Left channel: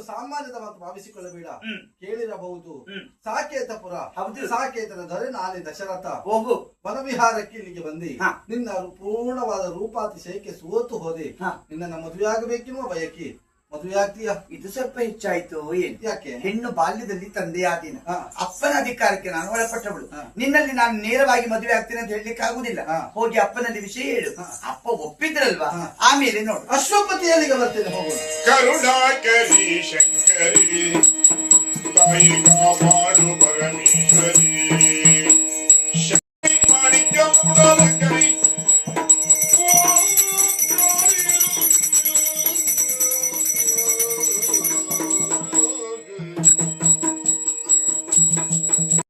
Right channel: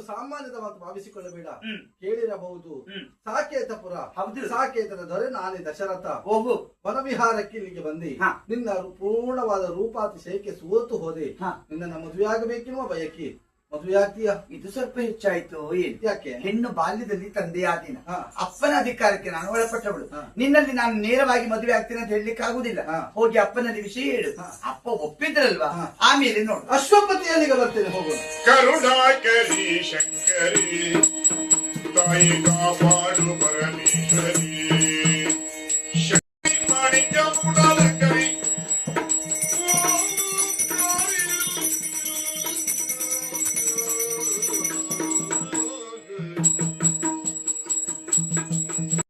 ಇದನ್ನು ಸಾಮಾನ್ಯದ ಮಾತು ಭಾವಿಸಿಕೊಳ್ಳಬೇಡ. ಕೇಳಿರಬಹುದು ಸಾಕೇತಪುರ, ಸಾಕೇತನ ದೊರೆ ನಾನೇ ದಶರಥ. ವನವಿಹಾರಕ್ಕೆ ಇಲ್ಲಿಗೆ ಬಂದಿ ನಿನ್ನ ಪೂರ್ಣವಾದ ರೂಪಾತಿಶಯಕ್ಕೆ ಸೋತು ಹೋದೆ. ನಿನ್ನ ಮದುವೆ ಆಗಬೇಕೆನ್ನುವ ಬಯಕೆ. ಮದುವೆ ಆಗ್ತೀಯಾ? ಇದು ಸ್ವಲ್ಪ ಹೆಚ್ಚಾಯ್ತು. ಏನು ಯಾಕೆ? ಹೆಣ್ಣು ಬಾಲ್ಯದಲ್ಲಿ ತಂದೆಯಾದಿನ ಅಪ್ಪನ ಅಧಿಕಾರಕ್ಕೆ ನಾನು ಒಳಪಟ್ಟವಳು. ನಿನ್ನಲ್ಲಿ ನಾನು ನೇರವಾಗಿ ಮದುವೆ ಆಗ್ತೀನಿ ಅಂತ ಹೇಳಲಿಕ್ಕೆ ಆಗುದಿಲ್ಲ. ಹೋಗಿ ಅಪ್ಪನಲ್ಲಿ ವಿಷಯ ಹೇಳು. ಅಪ್ಪ ಒಪ್ಪಿದ್ರಲ್ವಾ, ಆಮೇಲೆ ನೋಡು. ಅಶ್ವಪತಿಯಲ್ಲಿಗೆ ಬರ್ತೇನೆ, ಹೋಗೋಣ. ಕರುಣಾಕರಿ ಶಂಕರಿ ತಾಯಿ ಕಾಪಾಡು ಬರಲಿ.